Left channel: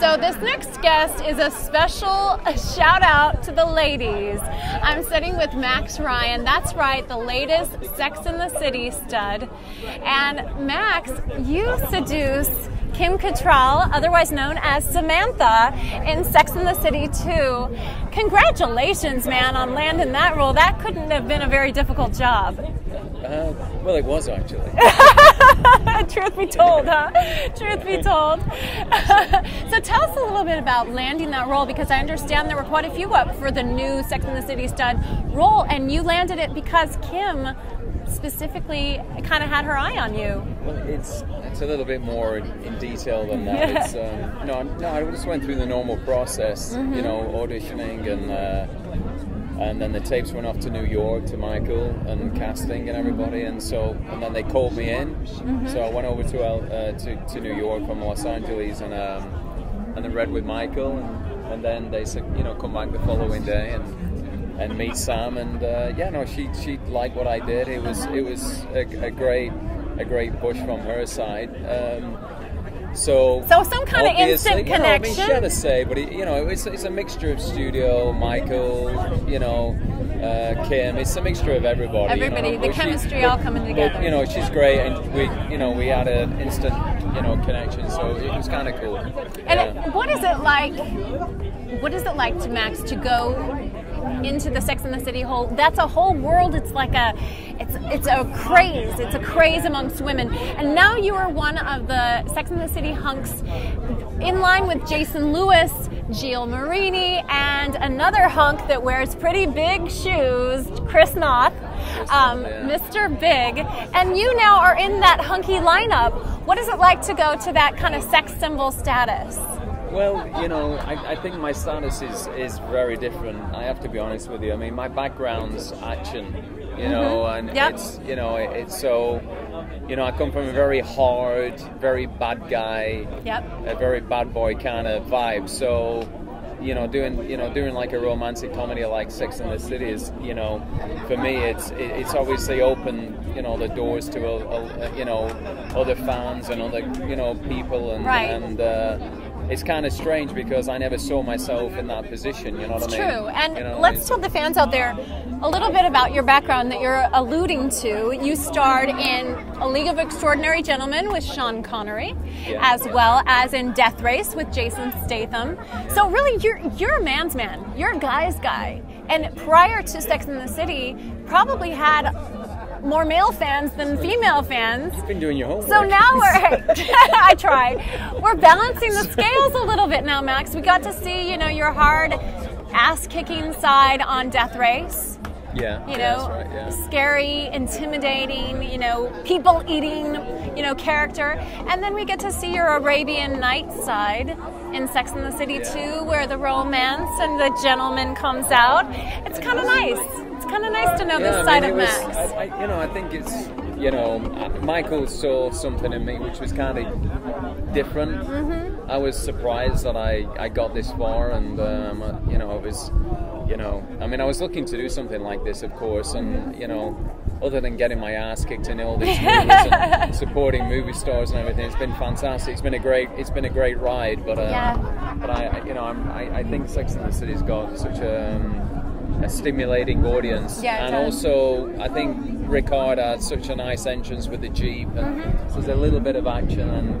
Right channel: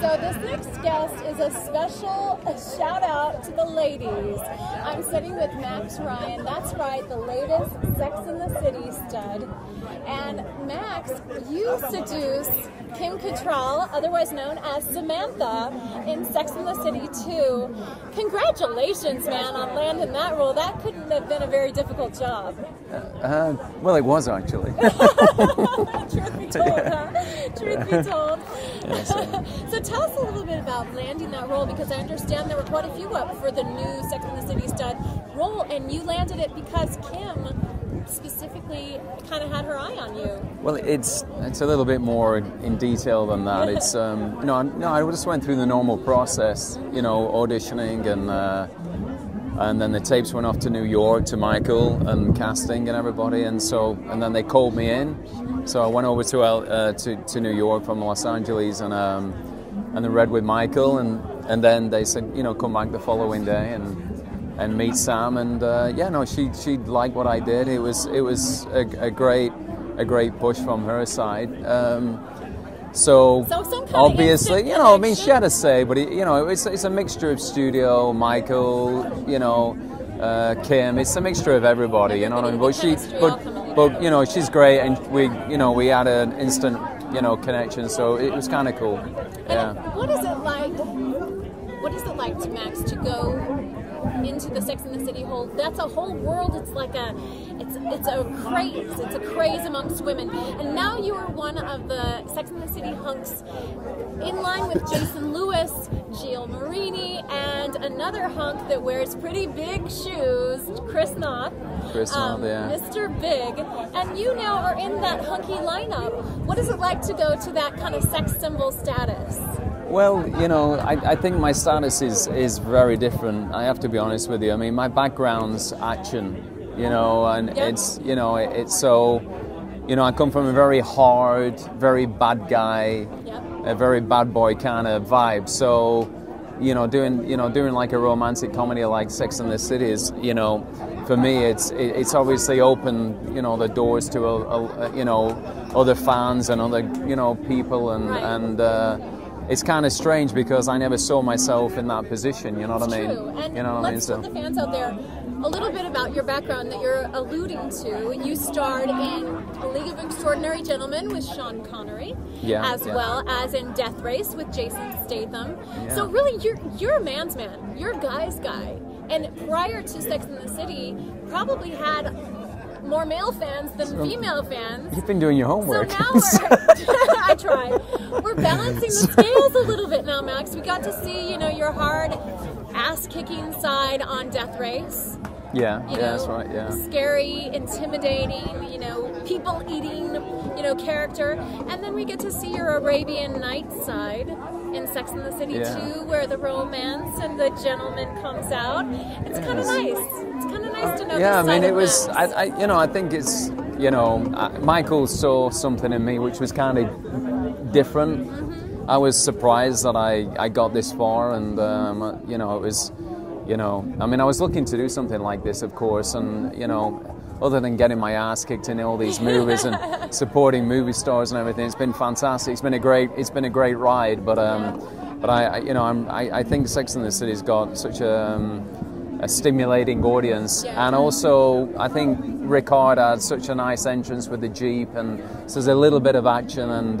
So this next guest is a special shout out to the ladies. I'm sitting with Max Ryan. That's right, the latest Sex and the City stud. And Max, you seduce Kim Cattrall, otherwise known as Samantha, in Sex and the City 2. Congratulations, man, on landing that role. That couldn't have been a very difficult job. Well, it was actually. Truth be told, huh? Truth be told. So tell us a little bit about landing that role, because I understand there were quite a few up for the new Sex and the City stud role, and you landed it because Kim specifically kind of had her eye on you. Well, it's a little bit more in detail than that. It's no, I just went through the normal process, you know, auditioning and then the tapes went off to New York to Michael and casting and everybody, and then they called me in. So I went over to New York from Los Angeles and then read with Michael, and then they said, you know, come back the following day and meet Sam, and she liked what I did. It was a great push from her side. So some kind of instant connection. You know, I mean, she had a say, but it's a mixture of studio, Michael, you know, Kim. It's a mixture of everybody. You know, the chemistry all coming together. But you know, she's great, and we had an instant, you know, connection. So it was kind of cool. And what is it like? What is it like to Max to go into the Sex and the City whole? That's a whole world. It's like it's a craze. It's a craze amongst women. And now you are one of the Sex and the City hunks, in line with Jason Lewis, Gilles Marini, and another hunk that wears pretty big shoes, Chris Noth, Mr. Big. And you now are in that hunky lineup. What is it like to go to that kind of sex symbol status? Well, you know, I think my status is very different. I have to be honest with you. I mean, my background's action, you know, and it's so, you know, I come from a very hard, very bad guy, a very bad boy kind of vibe. So, you know, doing like a romantic comedy like Sex and the City is, you know, for me it's obviously opened, you know, the doors to you know, other fans and other, you know, people and it's kind of strange because I never saw myself in that position, you know what I mean? It's true. And you know let's tell the fans out there a little bit about your background that you're alluding to. You starred in A League of Extraordinary Gentlemen with Sean Connery, as well as in Death Race with Jason Statham. So really, you're a man's man. You're a guy's guy. And prior to Sex and the City, probably had more male fans than female fans. You've been doing your homework. So now I try. We're balancing the scales a little bit now, Max. We got to see, you know, your hard ass-kicking side on Death Race. Yeah, you know, that's right, yeah. Scary, intimidating, you know, people-eating, you know, character. And then we get to see your Arabian Nights side in Sex and the City 2, where the romance and the gentleman comes out. It's kind of nice. It's kind of nice to know this side of Max. I think it's, you know, Michael saw something in me which was kind of different. I was surprised that I got this far, and you know, it was, you know, I mean, I was looking to do something like this, of course, and you know, other than getting my ass kicked in all these movies and supporting movie stars and everything, it's been fantastic. It's been a great ride. But I think Sex and the City's got such a stimulating audience, and also I think Ricard had such a nice entrance with the Jeep, and so there's a little bit of action, and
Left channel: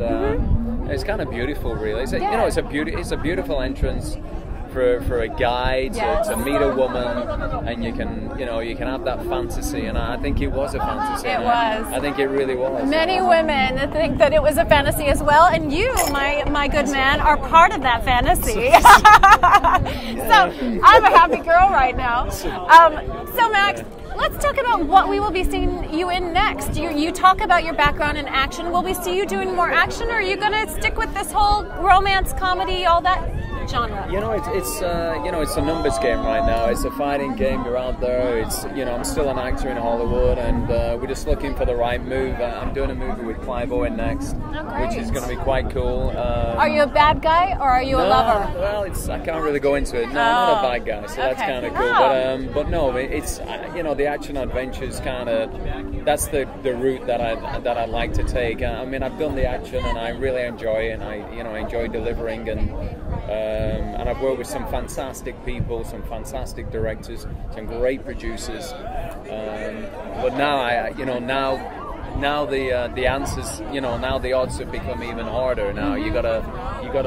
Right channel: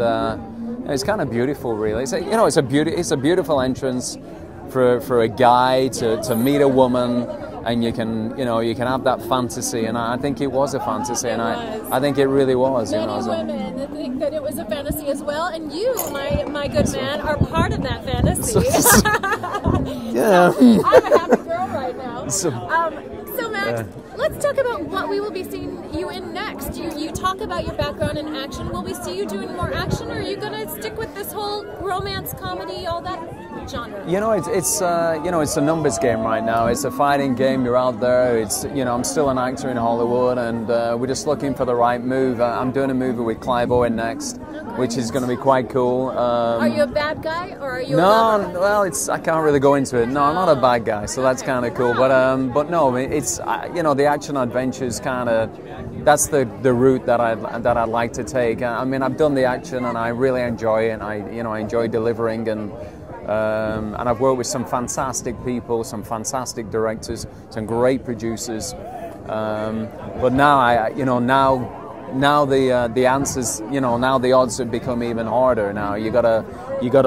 it's kind of beautiful, really. It's you know, it's a beautiful entrance for a guy to meet a woman, and you can have that fantasy, and I think it was a fantasy. I think it really was. Many women think that it was a fantasy as well, and you, my good man, are part of that fantasy. So I'm a happy girl right now. So Max, let's talk about what we will be seeing you in next. You talk about your background in action. Will we see you doing more action, or are you going to stick with this whole romance, comedy, all that genre? You know, it's a numbers game right now. It's a fighting game. You're out there. It's, you know, I'm still an actor in Hollywood, and we're just looking for the right move. I'm doing a movie with Clive Owen next, which is going to be quite cool. Are you a bad guy, or are you a lover? No, well, I can't really go into it. No, I'm not a bad guy, so that's kind of cool. But no, it's, you know, the action adventure is kind of that's the route that I'd like to take. I mean, I've done the action and I really enjoy it. And I enjoy delivering, and I've worked with some fantastic people, some fantastic directors, some great producers. But now now the answers, now the odds have become even harder. Now you gotta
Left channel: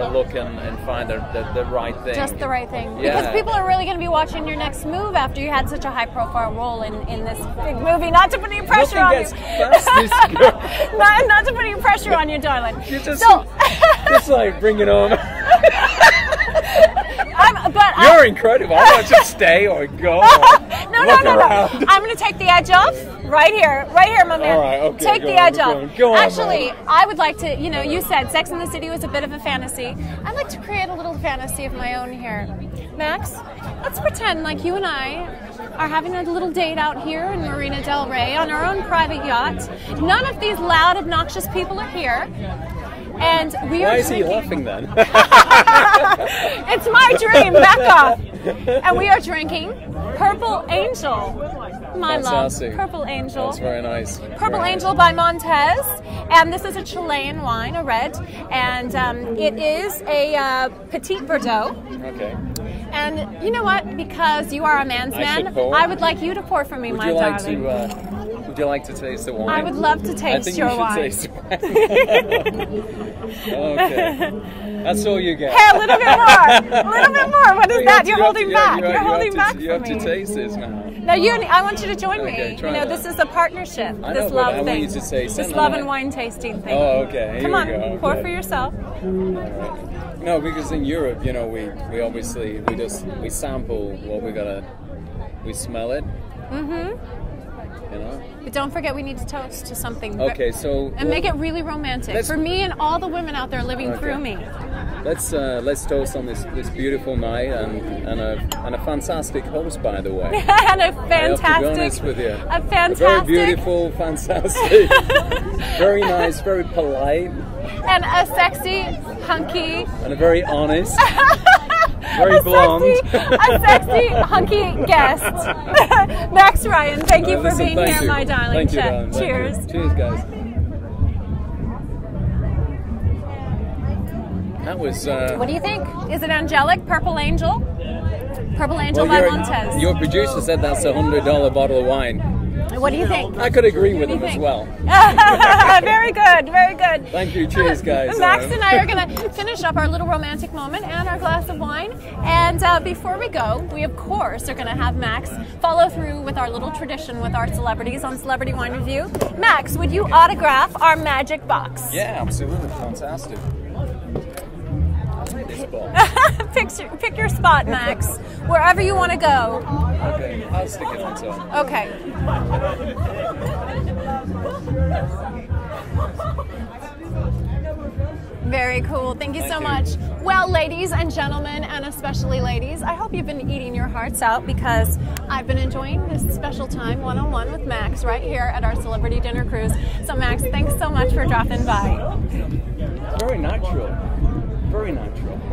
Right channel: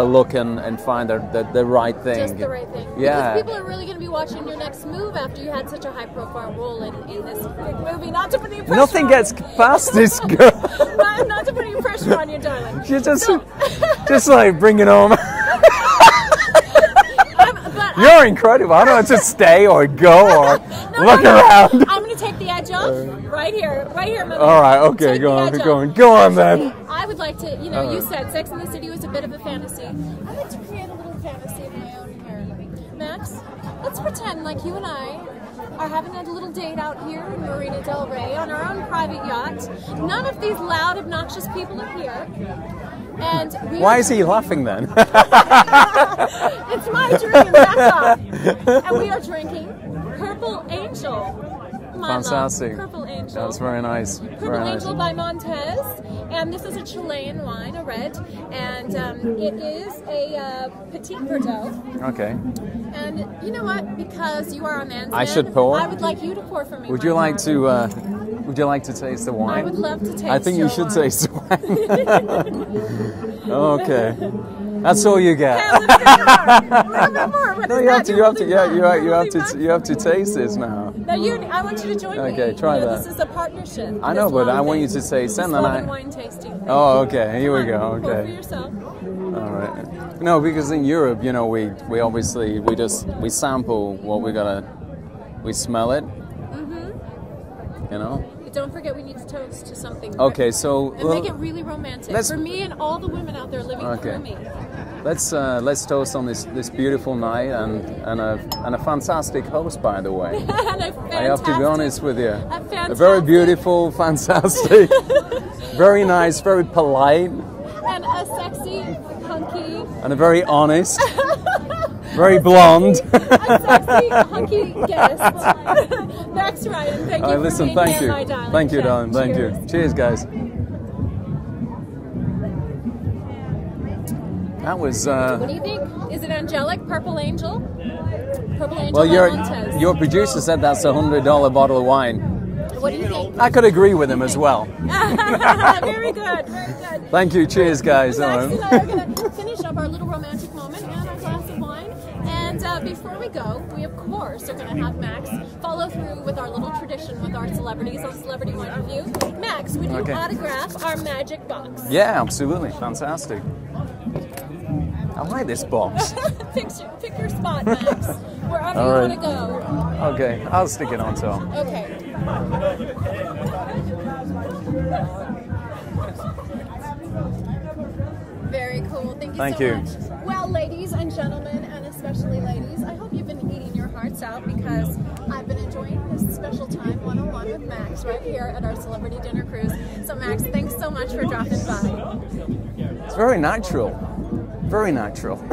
look and find the right thing. Just the right thing. Yeah. Because people are really going to be watching your next move after you had such a high-profile role in this big movie. Not to put any pressure Nothing on gets you. past this girl. not to put any pressure on you, darling. You just like bring it home. You're incredible. I don't know to stay or go or look around. I'm going to take the edge off right here, my man. All right, okay, take go the on, edge off. go on, Actually, man. I would like to, you said Sex and the City was a bit of a fantasy. I'd like to create a little fantasy of my own here. Max, let's pretend like you and I are having a little date out here in Marina Del Rey on our own private yacht. None of these loud, obnoxious people are here. And Why is he laughing then? It's my dream, back off. And we are drinking Purple Angel. My Fantastic. love, Purple Angel. That's very nice. Purple Angel by Montez. And this is a Chilean wine, a red. And it is a Petit Verdot. Okay. And you know what? Because you are a man's man, should pour? I would like you to pour for me, Would my you like darling. Would you like to taste the wine? I would love to taste I think your you should wine. taste the wine. Okay. That's all you get. Hey, a little bit more. A little bit more. What is that? You're holding back. You have to taste this now. Now, I want you to join me. Okay, try that. This is a partnership. I know, this but love I want thing. you to taste This it. love and wine tasting thing. Oh, okay. Here Come we on, go. Okay. pour for yourself. All right. No, because in Europe, we obviously we sample what we smell it. Mm-hmm. But don't forget, we need to toast to something. Okay, so and make it really romantic for me and all the women out there living through me. Let's toast on this beautiful night and a fantastic host, by the way. And a fantastic. I have to be honest with you. A fantastic. Very beautiful, fantastic, very nice, very polite, and a sexy, hunky, and a very honest. Very blonde. A sexy, hunky guest. Max Ryan, thank you for being here, my darling. Thank you, darling. Thank Cheers. you. Cheers, guys. That was... What do you think? Is it angelic? Purple Angel? Purple Angel well, by Montez. Your producer said that's a $100 bottle of wine. What do you think? I could agree with him as well. Very good, very good. Thank you. Cheers, guys. Max and I are going to finish up our little romantic moment and our glass of wine. And before we go, we of course are going to have Max follow through with our little tradition with our celebrities on Celebrity Wine Review. Max, would you autograph our magic box? Yeah, absolutely. Fantastic. I like this box. Pick your spot, Max. Wherever you want to go. Okay, I'll stick it on top. Okay. Very cool. Thank you so much. Well, ladies and gentlemen, and especially ladies, I hope you've been eating your hearts out because I've been enjoying this special time one-on-one with Max right here at our Celebrity Dinner Cruise. So, Max, thanks so much for dropping by. It's very natural. Very natural.